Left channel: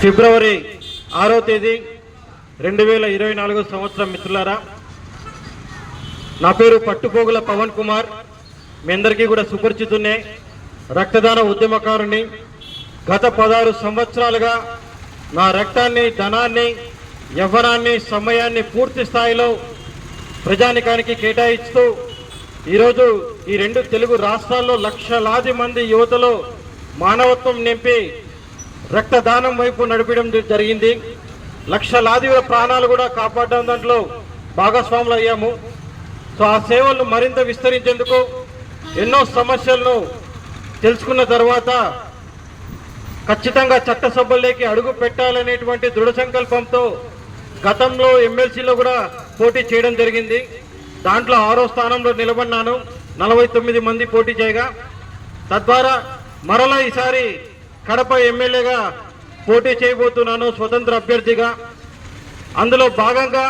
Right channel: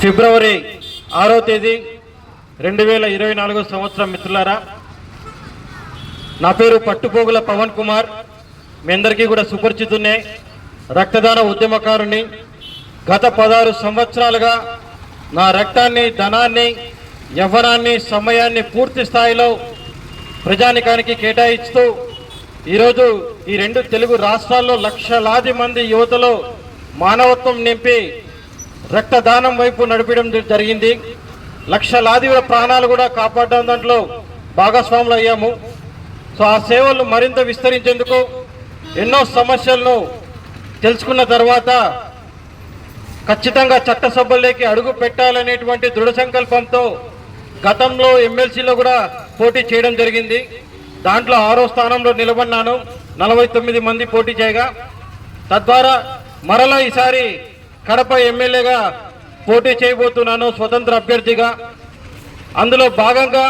ఫిబ్రవరి ఆరో తేదీ రెండు వేల ఇరవై నాలుగో సంవత్సరం మిత్రులారా. నా పేరు పట్టుపోగుల పవన్ కుమార్. మీ అందరికీ కూడా సుపరిచితున్నే రక్తదాన ఉద్యమకారుని గత పదహారు సంవత్సరాలుగా నా రక్తాన్ని ధనాన్ని యవ్వనాన్ని సమయాన్ని పూర్తి స్థాయిలో ప్రజానికానికి కేటాయిస్తూ ఈరోజు ఈ రెండు తెలుగు రాష్ట్రాల్లో లక్షలాది మంది యువతలో మానవత్వం నింపి రక్తదానం వైపు నడిపడం జరిగింది. లక్షలాది ప్రాణాలు కూడా కాపాడడం దాంట్లో భాగస్వాములు అయ్యాము. సో ఆ సేవలు మరింత విస్తరించేందుకు ఎన్నో సమస్యలను తెలుసుకున్న తర్వాత ఖచ్చితంగా చట్టసభల్లోకి అడుగు పెట్టాలనేటువంటి దృఢ సంకల్పంతో గతంలో ఎమ్మెల్సీలో కూడా పోటీ చేయడం జరిగింది. దాంట్లో ఆరో స్థానంలో నిలబడినాను. నలభై తొమ్మిది మంది పోటీ చేయగా. తద్వారా మరలా ఈసారి కడప ఎమ్మెల్యేగా పోటీ చేయబోతున్నాను స్వతంత్ర అభ్యర్థిగా. అందులో భాగంగా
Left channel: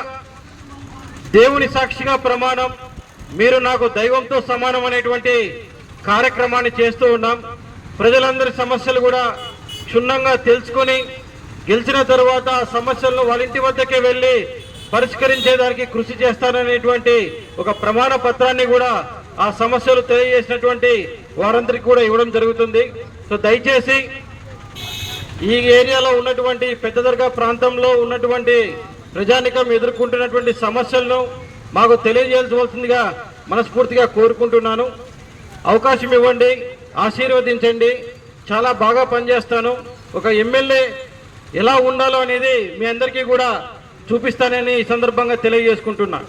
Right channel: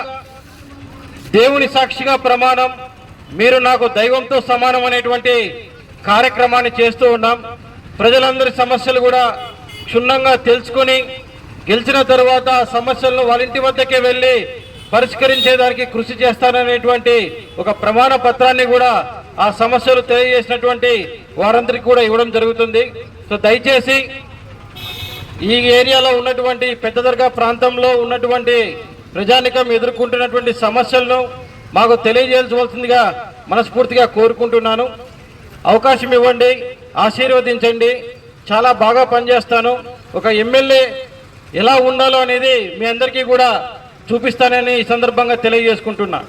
దేవుని సాక్షిగా ప్రమాణం మీరు నాకు దైవంతో సమానం అనేటువంటి కార్యక్రమాన్ని చేస్తూ ఉన్నాం. ప్రజలందరి సమస్యలు కూడా క్షుణ్ణంగా తెలుసుకొని గెలిచిన తర్వాత ఆ సమస్యలను వాళ్ళింటి వద్దకే వెళ్ళి పరిష్కరించేదానికి కృషి చేస్తాననేటువంటి ఒక ప్రమాణ పత్రాన్ని కూడా ఆ సమస్యలు తెలియజేసినటువంటి వారందరికీ కూడా ఇవ్వడం జరుగుతుంది. సో దయచేసి ఈ ఏరియాలో ఉన్నటువంటి పెద్ద దర్గా ప్రాంతంలో ఉన్నటువంటి ప్రజానికం ఎదుర్కొంటున్నటువంటి సమస్యలను మాకు తెలియజేయవలసిందిగా మనస్ఫూర్తిగా కోరుకుంటున్నాను. అవకాశం ఇవ్వండి ఆశీర్వదించండి. చాలా బాగా పనిచేస్తాను. ఒక ఎమ్మెల్యే ఎలా ఉండాలో అనేది మీ అందరికీ కూడా చూపిస్తానని ఈ సందర్భంగా తెలియజేసుకుంటున్నాను